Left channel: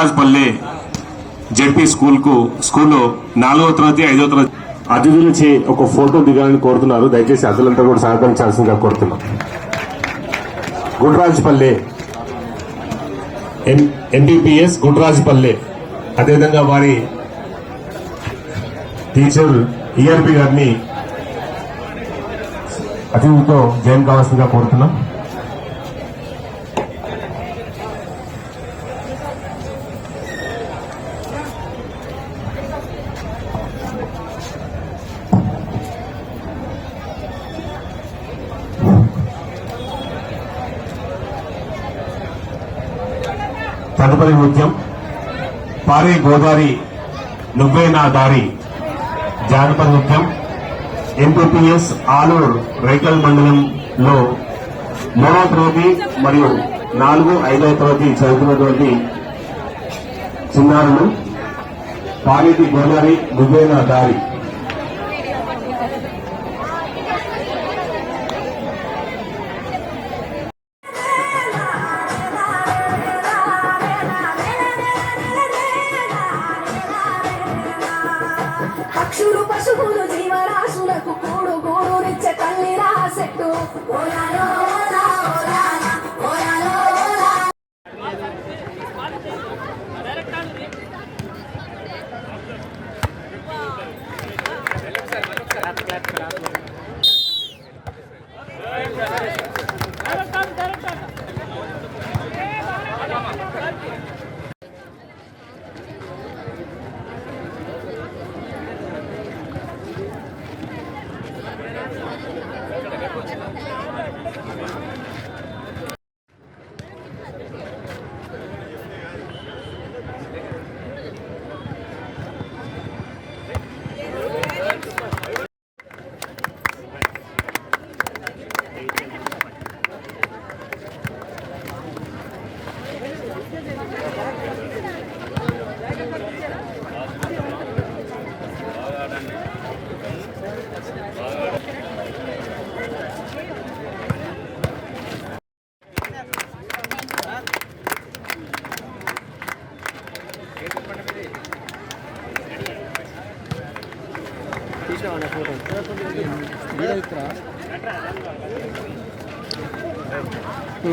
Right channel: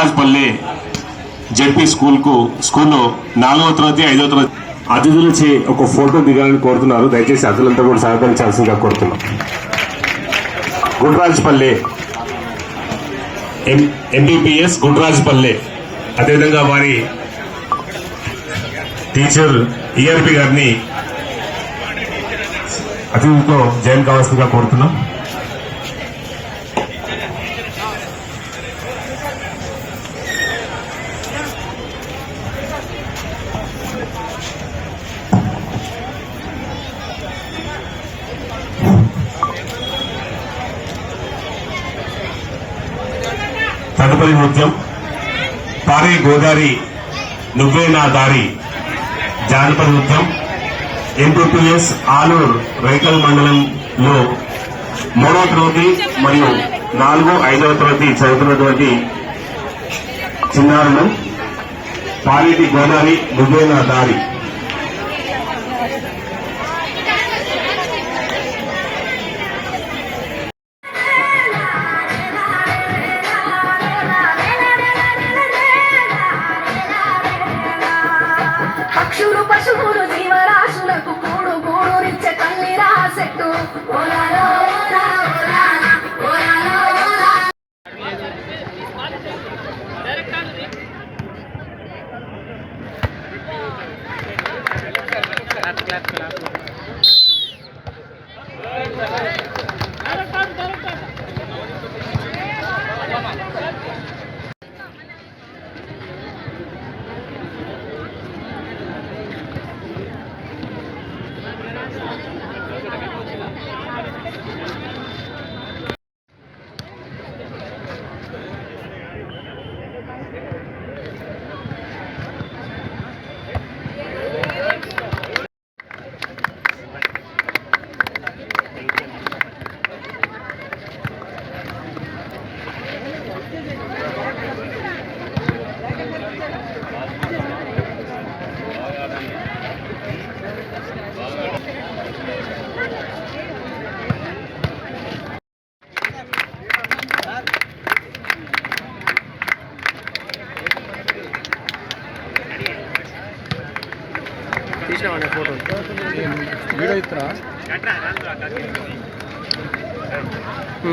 కృష్ణరాజపల్లి ZP స్కూల్కు స్కూల్లో నాలుగో తరగతి ఐదో తరగతి అతిథులచే ఒక ఫోటో దిగాలని కోరుతున్నారు. దయచేసి అతిథులంతా కూడా సహకరించాల్సిందిగా కోరుతున్నాం. గుండ్రాజ్పల్లి ఎం ఎంబీపీఎస్ అదేవిధంగా వారి టీచర్ ఈఆర్పి గారిని అతిథులతో జాయిన్ కావాల్సిందిగా కోరుతున్నాం. తదుపరి నృత్యం పారే గోదారి నువ్వే నా దారి. జానపద నృత్యం. ఎంపీపీఎస్ ఆలూరు రైకల్ మండలంలో మూడవ తరగతి మరియు నాలుగు ఐదవ తరగతి చదువుతున్నటువంటి చిన్నారులు. పారేటి గోదావరి నువ్వే నా దారి. 나눠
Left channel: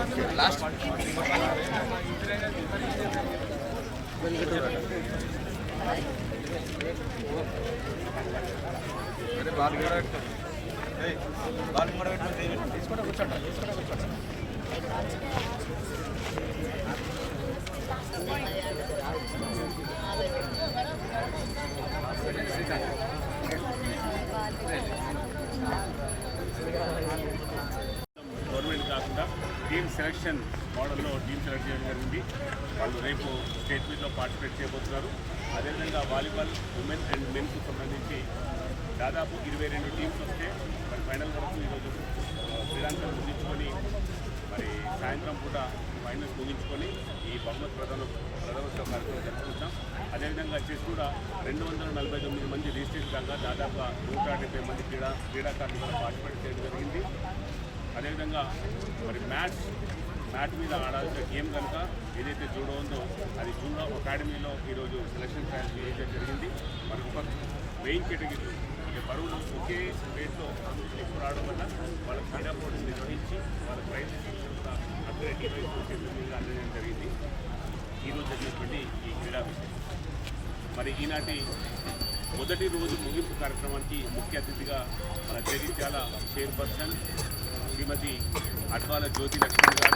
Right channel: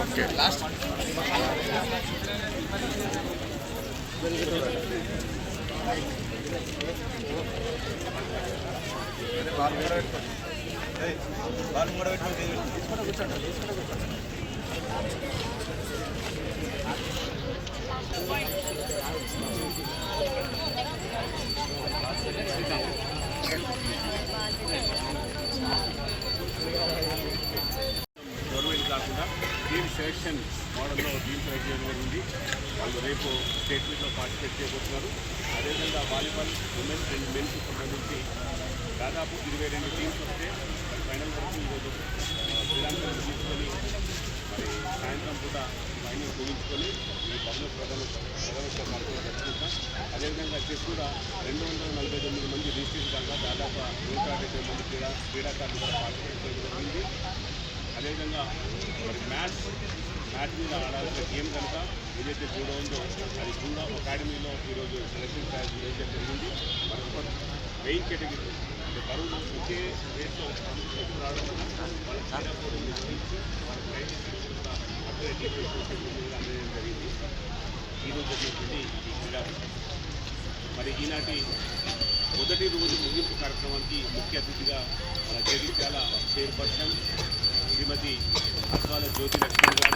అక్కలేదు గవర్నమెంట్ సెలక్షన్ మోడల్లో టీమ్ సెలెక్ట్ చేయడం జరిగింది. వాళ్ళు రేపు స్టేట్ మీట్లో పార్టిసిపేట్ చేయబోతున్నారు. అదేవిధంగా వాలీబాల్ ఉమెన్ అండ్ మెన్స్కు సంబంధించి దాదాపు ఇరవై రెండు టీమ్స్ వస్తే మరి ఫైనల్ వరకు ఈరోజు ఆ, తీసుకొని మరి సాయంత్రం సాయంత్రం పూట ఫైనల్ ముగించుకొని ఈ బహుమతి ప్రధాన ప్రధానోత్సవ కార్యక్రమం జరుపుకుంటాం. అదేవిధంగా చెస్ కూడా రెండు వందల నలభై తొమ్మిది మంది రిజిస్ట్రేషన్ కాగా దాదాపు నూట డెబ్బై మంది క్రీడా క్రీడాకారులు కూడా పార్టిసిపేట్ చేయడం జరిగింది. అదేవిధంగా మరి మ్యాచ్ మ్యాట్ మీద ఆడాల్సిన గేమ్ కనుక ఏదైతే జూడో ఉందో అది జూడో అకాడమీలో ఈరోజు సెలక్షన్ ట్రయల్స్ నిర్వహించడం జరిగింది. మరి ఒక మెయిన్ కేటగిరీ అంటే బరువులు ఒకే రేట్లో కాంపిటీషన్ ఎక్కువ రావడం వల్ల వాళ్ళ క్రీడా పోటీలు నిర్వహించి వాళ్ళ ప్రైజ్ కూడా అథ్లెటిక్ అందజేయడం జరిగింది. ఈరోజు జరిగినటువంటి ఈ క్రీడా మరి ఈనాటి మొదటి రోజు ముగింపు కార్యక్రమానికి ముఖ్య అతిథిగా మన జగిత్యాల చైర్పర్సన్ శ్రీమతి అద్వాల జ్యోతి లక్ష్మణ్ గారు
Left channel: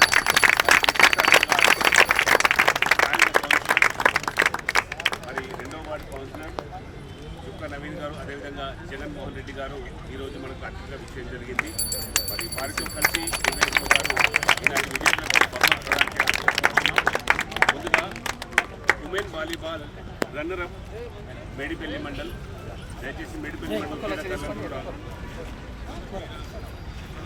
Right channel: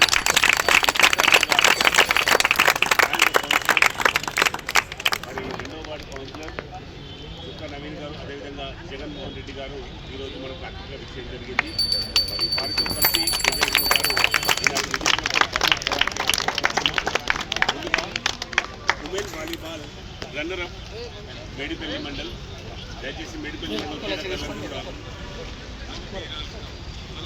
మరి విశిష్టంగా కౌన్సిలర్ మరి రెండో వార్డు కౌన్సిలర్ చుక్క నవీన్ గారు అదేవిధంగా జగన్మోహన్ రెడ్డి గారు ఈరోజు మనకు అతిథిగా విషయం జరిగింది. మరి వారితో కలిసి వివేక్ గారు ఈనాటి విజేతలకు బహుమతి ప్రదానం ముందుగా women volleyball runner up Medipalli mandal దయచేసి మేడిపల్లి మండల్ కూడా విచ్చేసి బహుమతి పొందాల్సిందిగా రన్నర్స్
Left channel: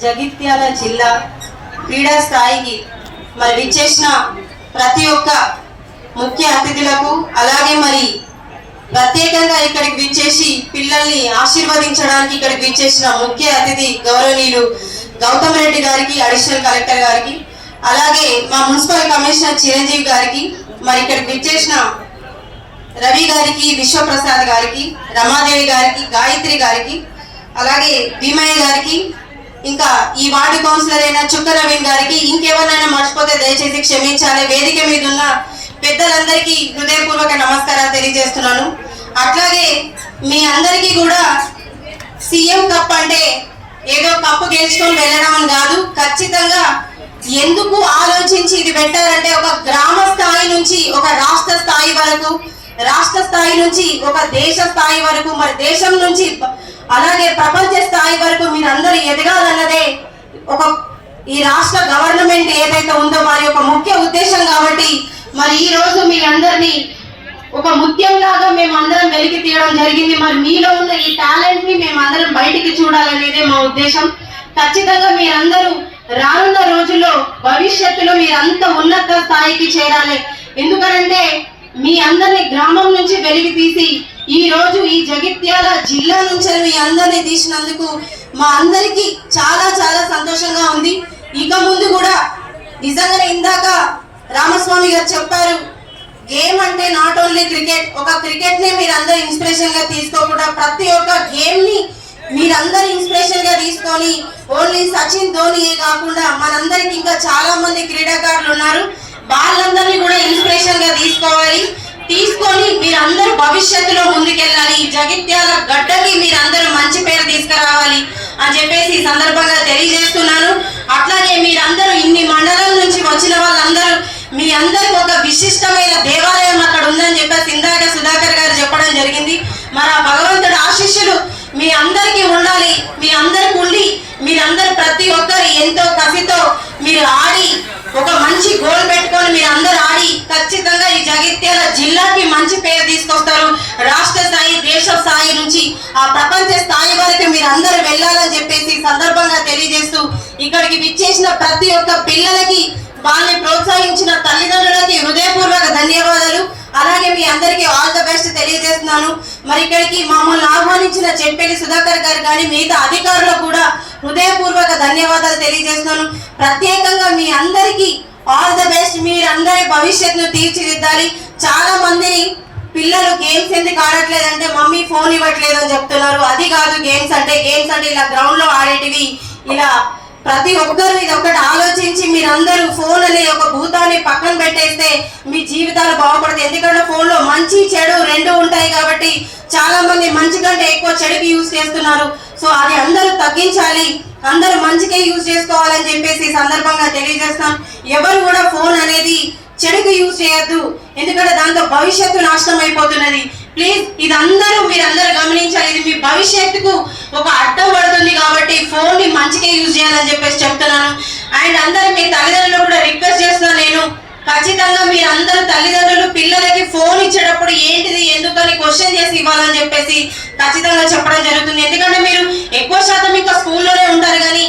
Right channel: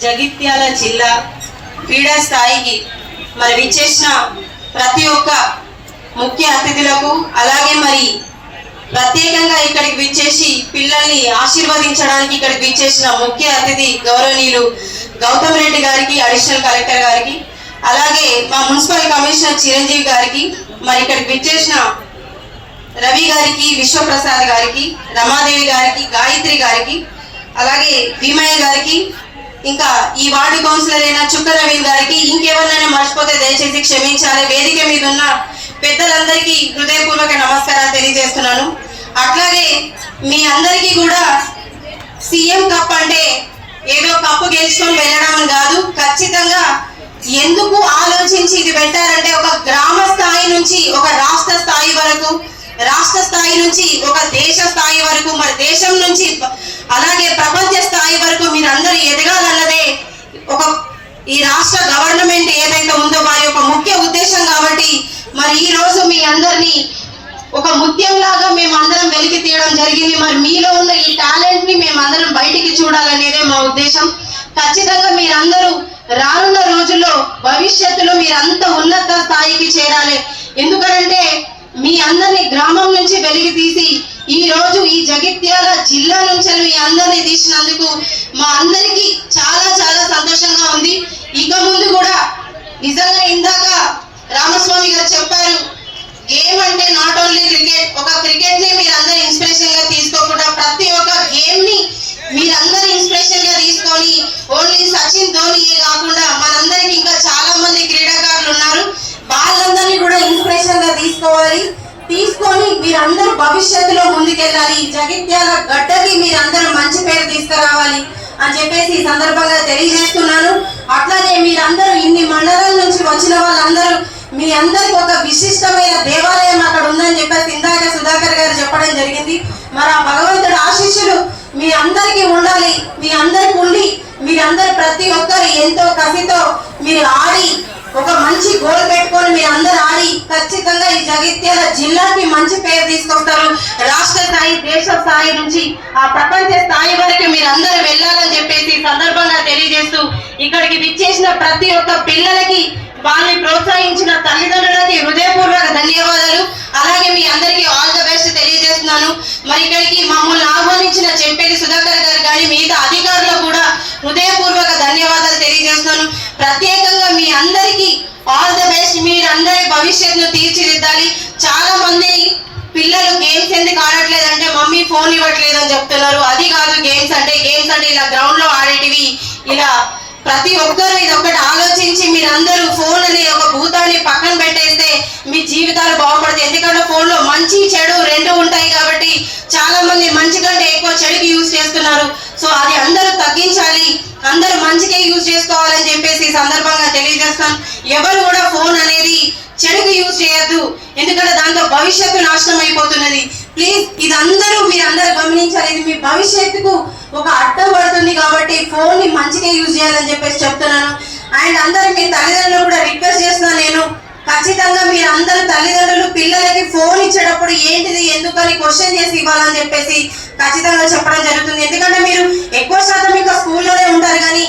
జగిత్యాల జిల్లా క్రీడా స్థాయికి మరి విచ్చేసిన ప్రతి ఒక్క ముఖ్య అతిథులకు అలాగే మరి ప్రత్యేకంగా ఇక్కడికి విచ్చేసి పిల్లల్ని ఆశీర్వదించడానికి ఇక్కడికి విచ్చేసిన ముఖ్య అతిథి గౌరవనీయులు గౌతమ్ రెడ్డి గారికి అడిషనల్ కలెక్టర్ గారికి అలాగే మా మున్సిపల్ కమిషనర్ చిరంజీవి గారికి మరి ఇక్కడికి విచ్చేసిన రవి గారికి విశ్వప్రసాద్ గారికి రమాదేవి గారికి గాయత్రి గారికి అలాగే భీమయ్య గారికి ఇంకా ఈ వార్డు కౌన్సిలర్ అయిన చుక్క గారికి ఇంకెవరినైనా మర్చిపోతే దయచేసి క్షమించాలి. వేదిక మీద ఉన్న పెద్దలందరికీ హృదయపూర్వక నమస్కారాలు తెలియజేస్తున్నాను. అట్లాగే మీ అందరికీ కూడా సీఎం కప్ అంటే ఏదో కప్పు గెలుచుకొని వెళ్ళడం అని కాదు ఖచ్చితంగా ఎందుకు ఆలోచించి ఇది పెట్టారంటే ఒక గ్రామ స్థాయి నుంచి ఒక రాష్ట్ర స్థాయి వరకు రాష్ట్ర స్థాయి నుంచి ఒక దేశ స్థాయి వరకు మరి దేశం నుంచి అలాగే ప్రపంచ స్థాయి వరకు మీరందరూ ఎదగాలన్నదే ఒక ఈ రాష్ట్ర గవర్నమెంట్ ఏదైతే ఉందో వారి యొక్క ముఖ్య ఉద్దేశం కాబట్టి మరి ఈ రోజు మీ అందరినీ ఒక ముత్యం లాగా మేము అందరం వెలికి తీయడం జరిగింది. మరి మీలో ఉన్న ఈ టాలెంట్ని మేము అందరం బయటికి చూడాలనేదే మా ఉద్దేశం. ఖచ్చితంగా మీరందరూ రానున్న రోజుల్లో భవిష్యత్తులో మీరంత ఉన్నత స్థాయికి చేరాలి. ఎందుకంటే మీ అందరిని గ్రామం నుంచి వెలికి తీసి ఈ రోజు ఈ జగిత్యాల జిల్లా నుంచి మీ అందరిని తీసినందుకు మా అందరికీ చాలా చాలా సంతోషంగా ఉంది. ఇక ముందు కూడా నిజంగా ఇందాక రామస్వామి గారు చెప్పారు గేమ్ అంటే నాట్ ఓన్లీ క్రికెట్ ఒక క్రికెట్ని మీరందరూ ఇన్స్పిరేషన్గా తీసుకోకుండా ప్రతి ఒక్క గేమ్ని మీరందరూ ఇన్స్పిరేషన్గా తీసుకొని ఓన్లీ సచిన్ ధోనియే కాకుండా మనందరికి ఇంకా చాలా మంది క్రీడాకారులు ఉన్నారు. వాళ్ళందరినీ కూడా ఇన్స్పిరేషన్గా తీసుకోవాలి. తీసుకొని మీరందరూ భవిష్యత్తులో ముందుకెళ్ళాలి. జగిత్యాల గడ్డకి మీరందరూ మంచి పేరు తీసుకురావాలి అని చెప్పేసి ఈ సందర్భంగా తెలియజేస్తున్నాను. అట్లాగే మీరందరూ ఇన్ని మండలాల నుంచి వచ్చిన వాళ్ళందరూ మీ అందరికి ఒక విశిష్టమైన దేవాలయం అక్కడ ఉందని చెప్పేసి ఇందాక సుధాకర్ గారు చెప్పడం జరిగింది. మరి ఆ భగవంతుడు ఆశీస్సులు మీ అందరికీ ఉండాలి. మీ అందరికి ఉండి మీరందరూ ప్రతి ఒక్కరు ఎంతో కసితో మీరు ఆడి ఒక మంచి గోల్ పెట్టుకొని మీరు అందరు ఆడి ఖచ్చితంగా ఈ జగిత్యాల జిల్లాకి మంచి పేరు తీసుకొస్తారు. రాష్ట్ర స్థాయి దేశ స్థాయి నుంచి ఆ ప్రపంచ స్థాయి వరకు మీరు అందరు వెళ్ళాలని చెప్పేసి సందర్భంగా తెలియజేస్తూ ఇక్కడికి విచ్చేసిన ప్రతి ఒక్క పిల్లలకి వాళ్ళని ప్రోత్సహించిన తల్లిదండ్రులకి హృదయపూర్వక ధన్యవాదాలు. అలాగే మీ అందరికీ ఆల్ ద బెస్ట్ తెలియజేస్తున్నాను. మరి ఇక్కడికి మమ్మల్ని ఆహ్వానించిన చెంపేటి సుధాకర్ గారు కానీ మిగతా అధికారులకు కూడా హృదయపూర్వక ధన్యవాదాలు తెలియజేస్తున్నాను. ప్రత్యేకంగా మీ అందరికీ ఆల్ ద బెస్ట్ మీరందరి భవిష్యత్తును తీర్చిదిద్దాలి. చాలా మంది పిల్లలు గేమ్స్ ఎందుకు ఆడట్లేదు అంటే మమ్మీ ఫోన్ ఇవ్వట్లేదు అని చెప్తున్నారు. అది కాదు గేమ్స్ అంటే గేమ్స్ అంటే ఇలా గ్రౌండ్లో ఆడేటివి ఇలా ప్రతి ఒక్కరూ ఇది ఒకటి ఆలోచించి మీరందరూ ఫోన్ అనే ఒక భూతాన్ని పక్కన పెట్టేస్తే మీ జీవితాలు బాగుపడతాయి. ఎందుకంటే ఫోన్లో మంచి చెడు రెండు ఉంటాయి కాబట్టి చాలా మంది మంచి కంటే ఎక్కువ చెడుకి యూజ్ చేస్తున్నారు. సో అది అందరూ తగ్గించాలి. అందరూ మంచికే యూజ్ చేసుకోవాలని చెప్పేసి ఈ సందర్భంగా తెలియజేస్తాం. ఎవరు కూడా ఫోన్ అనేది చెడుకు యూజ్ చేయొద్దు. ఎందుకంటే దాంతో భవిష్యత్తు నాశనం అయిపోతున్నది. ప్లీజ్ ఇదందరూ మీరందరూ గమనించాలి. ఇది మీ భవిష్యత్తుకు ఒక అడ్డం పడుతుంది కాబట్టి ఫోన్ని మంచిగా యూజ్ చేయాలని చెప్పేసి చెప్తున్నాను. అండ్ అందరు మీ తల్లిదండ్రులు కూడా రిక్వెస్ట్ చేస్తున్నాను నేను. ఖచ్చితంగా మీరు తల్లిదండ్రులు పిల్లలకి ఫోన్ ఇచ్చేటప్పుడు ఏంటిది ఎందుకని క్వశ్చన్ చేసి ఇవ్వాలని చెప్పేసి ఖచ్చితంగా చెప్పడం జరుగుతుంది. ఎందుకంటే మీరు ఎక్కువ శాతం ఇంకా స్కూల్లోనే ఉంటారు కానీ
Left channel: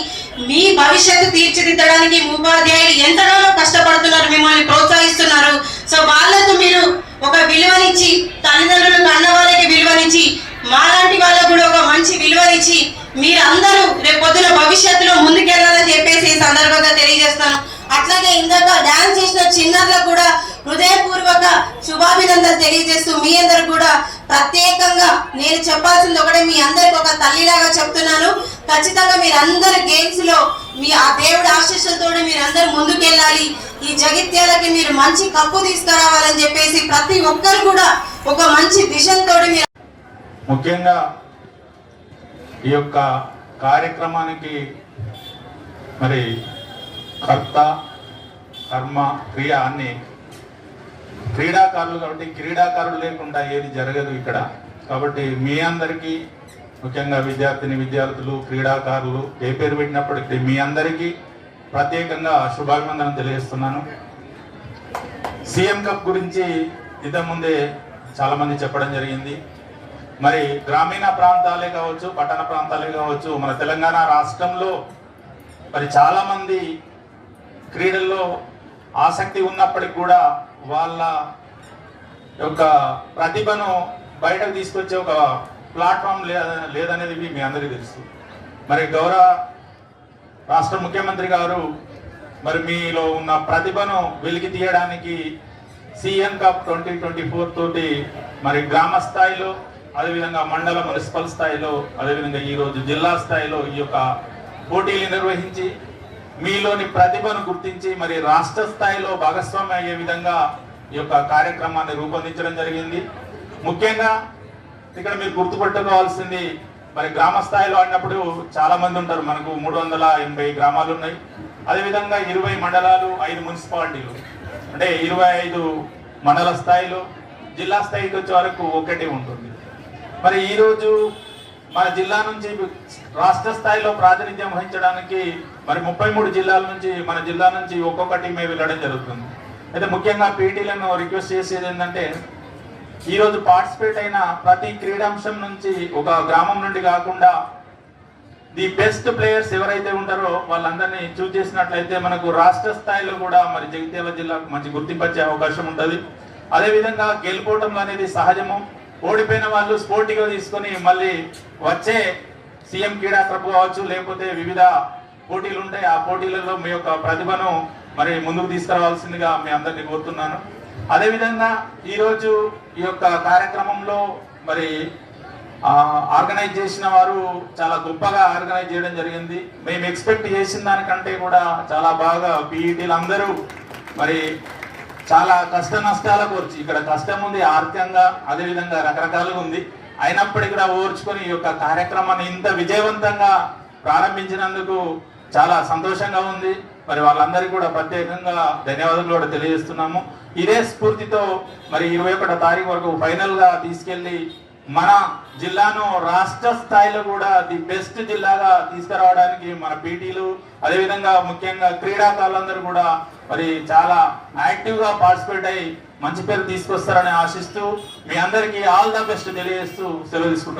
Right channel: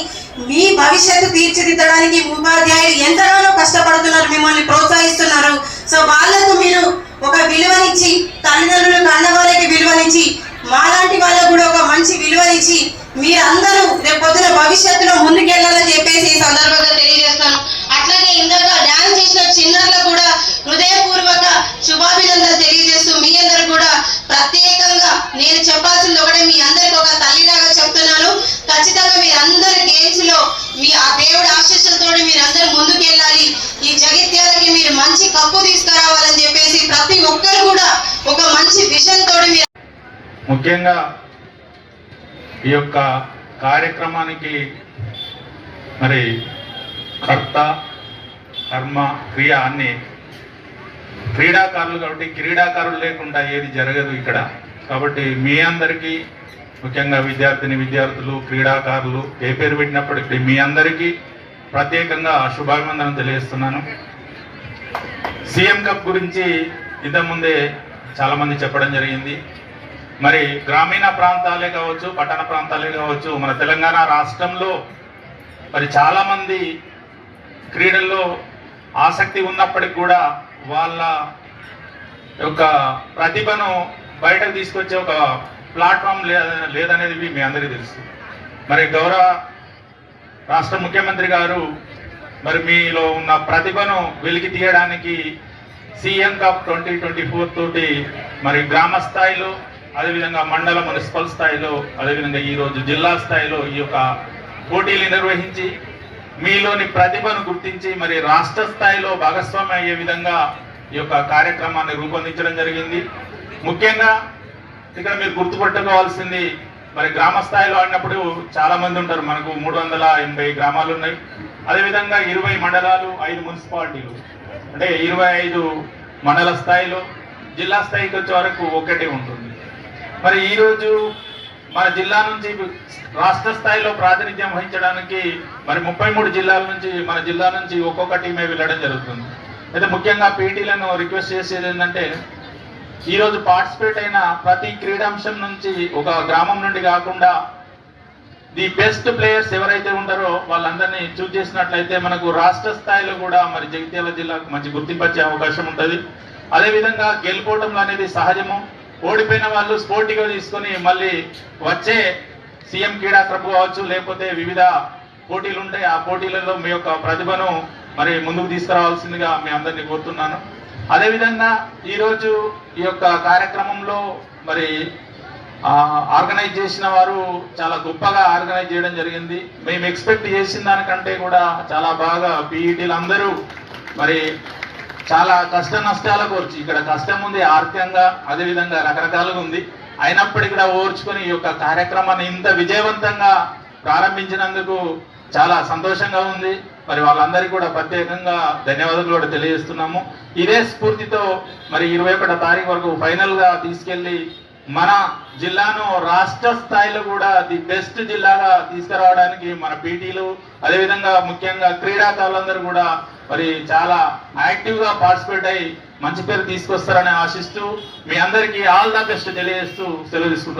మీ భవిష్యత్తు తీర్చిదిద్దడానికి ఉపాధ్యాయులు ఎంతగానో కష్టపడుతున్నారు మిమ్మల్ని ప్రోత్సహిస్తున్నారు. సో వాళ్ళకు మీరు ఒక విలువనిచ్చి తల్లిదండ్రులు కన్న వాళ్ళకి విలువనిచ్చి మాలాంటి వాళ్ళకు కూడా ఒక మంచి విలువనిచ్చి మీరందరూ రేపు పొద్దున భవిష్యత్తులో ముందుకెళ్ళాలని చెప్పేసి ఈ సందర్భంగా తెలియజేస్తాను అట్లాగే ఇందాక డాన్స్ సంబంధించిన చిన్నారులకు కూడా హృదయపూర్వక శుభాభినందనలు తెలియజేస్తూ మీ అందరు కూడా ప్రత్యేకంగా నేను చెప్పాల్సింది ఒకటే మీ అందరికి ఒక తల్లిలాగా చెప్తున్నాను. ఖచ్చితంగా మీరందరు గేమ్స్లో మీ ఆ దేవుడి ఆశీస్సులతో మీరందరూ ముందుకెళ్ళాలి. ఈ జగిత్యాలకి మీరు మంచి కప్పు తీసుకురావాలని చెప్పేసి ప్రతి ఒక్కరు కూడా ఒక మంచి విజన్ తోటి మీరు ముఖ్యంగా ఈ యొక్క కార్యక్రమానికి మరి కర్త కర్మ క్రియ అన్ని క్రీడాకారులు కాబట్టి క్రీడాకారులు లేకుండా ఏది జరగదు ఇక్కడ. కాబట్టి మీ అందరికీ ముఖ్యంగా విద్యార్థిని విద్యార్థులు క్రీడాకారులు ఏ పేరు పెట్టినప్పటికీ మీ అందరికీ ప్రత్యేకంగా శుభాభినందనలు తెలియజేస్తున్నాను. సీఎం కప్ గురించి ఇంతకుముందే చాలా మంది చెప్పడం జరిగింది. మరి గ్రామీణ ప్రాంతాలే కావచ్చు పట్టణ ప్రాంతాలే కావచ్చు మన తెలంగాణ రాష్ట్రంలో మరి చాలామంది క్రీడల్లో ఆసక్తి ఉన్నప్పటికి కూడా వాళ్ళ యొక్క ప్రతిభను బయటకు తీసుకొచ్చే ఒక ప్లాట్ఫామ్ లేదనేది మీ అందరికీ తెలుసు. మరి గౌరవ రాష్ట్ర ముఖ్యమంత్రి గారు మరి మీలో ఉన్న ప్రతిభను వెలికి తీయడానికి CM cup twenty twenty four తోటి మరి గ్రామ స్థాయిలో అదేవిధంగా మండల మున్సిపల్ స్థాయిలో అదేవిధంగా ఈరోజు జిల్లా స్థాయిలో ఈ యొక్క పోటీలు నిర్వహించి మీలోని ప్రతిభను గుర్తించి మరి రాష్ట్ర స్థాయిలో భాగస్వామి అయ్యే విధంగా ఈ యొక్క కార్యక్రమాన్ని రూపొందించడం జరిగింది. ముఖ్యంగా ఇక్కడ మీరు గుర్తుపెట్టుకోవాల్సింది మరి గ్రామ స్థాయిలో ఆడినప్పుడు చాలా మంది ఉంటారు. మనకు మూడు వందల ఎనభై గ్రామాలు ఉన్నాయి. అదేవిధంగా ఇరవై మండలాలు ఐదు మున్సిపాలిటీలు. అంటే ఇరవై ఐదు మండల స్థాయిలో జిల్లా స్థాయికి వచ్చే వరకు ఒకటి ఉంటుంది. మరి ఈరోజు మన జిల్లా నుంచి రాష్ట్ర స్థాయిలో ప్రాతినిధ్యం వహించడానికి మరి ముప్పై మూడు జిల్లాల నుంచి మన జిల్లా నుంచి ఒక్కొక్క టీమే వెళ్ళడం జరుగుతుంది. అయితే ముఖ్యంగా పీటీలను రిక్వెస్ట్ చేసేది ఏంటంటే ఈరోజు పార్టిసిపేట్ అయిన ప్రతి క్రీడాంశం నుంచి ఒక గ్రామం నుండి కాకుండా ది బెస్ట్ ప్లేయర్స్ ఎవరైతే ఉంటారో వాళ్ళందరినీ చూస్ చేసినట్లయితే మనకు రాష్ట్ర స్థాయిలో కూడా మరి జగిత్యాల జిల్లాకు మంచి గుర్తింపు వచ్చే అవకాశం ఉంటుంది. అదేవిధంగా గెలుపోవటం అనేది సహజము. ఓడిపోయిన వాళ్ళు స్పోర్టివ్గా తీసుకొని మళ్ళీ వచ్చే సీఎం క్రీడా క్లబ్ కావచ్చు లేకపోతే వివిధ పోటీలు ఉంటాయి ఆ పోటీలలో మీ యొక్క ప్రతిభను మరి ముందుకు తీసుకురావాల్సిందిగా మీ అందరినీ కోరుతున్నాను. అదేవిధంగా ఈరోజు ఈ యొక్క కార్యక్రమంలో మరి ఆర్గనైజ్ చేసిన వారు చాలా గొప్పగా ఆర్గనైజ్ చేయడం జరిగింది. మేము ఎక్స్పెక్ట్ చేసిన దానికంటే కూడా చాలా బాగా పీఈటీలు అందరూ మరి చాలా కష్ట నష్టాలకు వచ్చి ఇక్కడ కష్టం ఉంది ఆర్థికంగా అదేవిధంగా రకరకాలుగా ఉంది. అయినప్పటికీ కూడా ఓర్చుకొని ఈ యొక్క కార్యక్రమాన్ని ఇంత విజయవంతంగా ప్రారంభించినందుకు చాలా సంతోషంగా ఉంది. మరి వాళ్ళందరికీ కూడా ప్రత్యేకంగా ధన్యవాదాలు కూడా తెలియజేస్తున్నాము. ఇదే స్ఫూర్తితో మరి ఇరవై ఒకటో తారీఖు వరకు ఫైనల్గా తీసుకెళ్ళి తీసుకెళ్ళి మన జిల్లాను రాష్ట్ర స్థాయిలో కూడా ది బెస్ట్ జిల్లాగా తీసుకురావడానికి మన పీటీలు అదేవిధంగా ముఖ్యంగా క్రీడాకారులందరూ కూడా మరి చాలా యాక్టివ్గా పార్టిసిపేట్ అయ్యి మంచి పేరు తీసుకొస్తారని ఆశిస్తూ మీ అందరికీ ఆల్ ద బెస్ట్ తెలియజేస్తూ సెలవు తీసుకుంటున్నాను.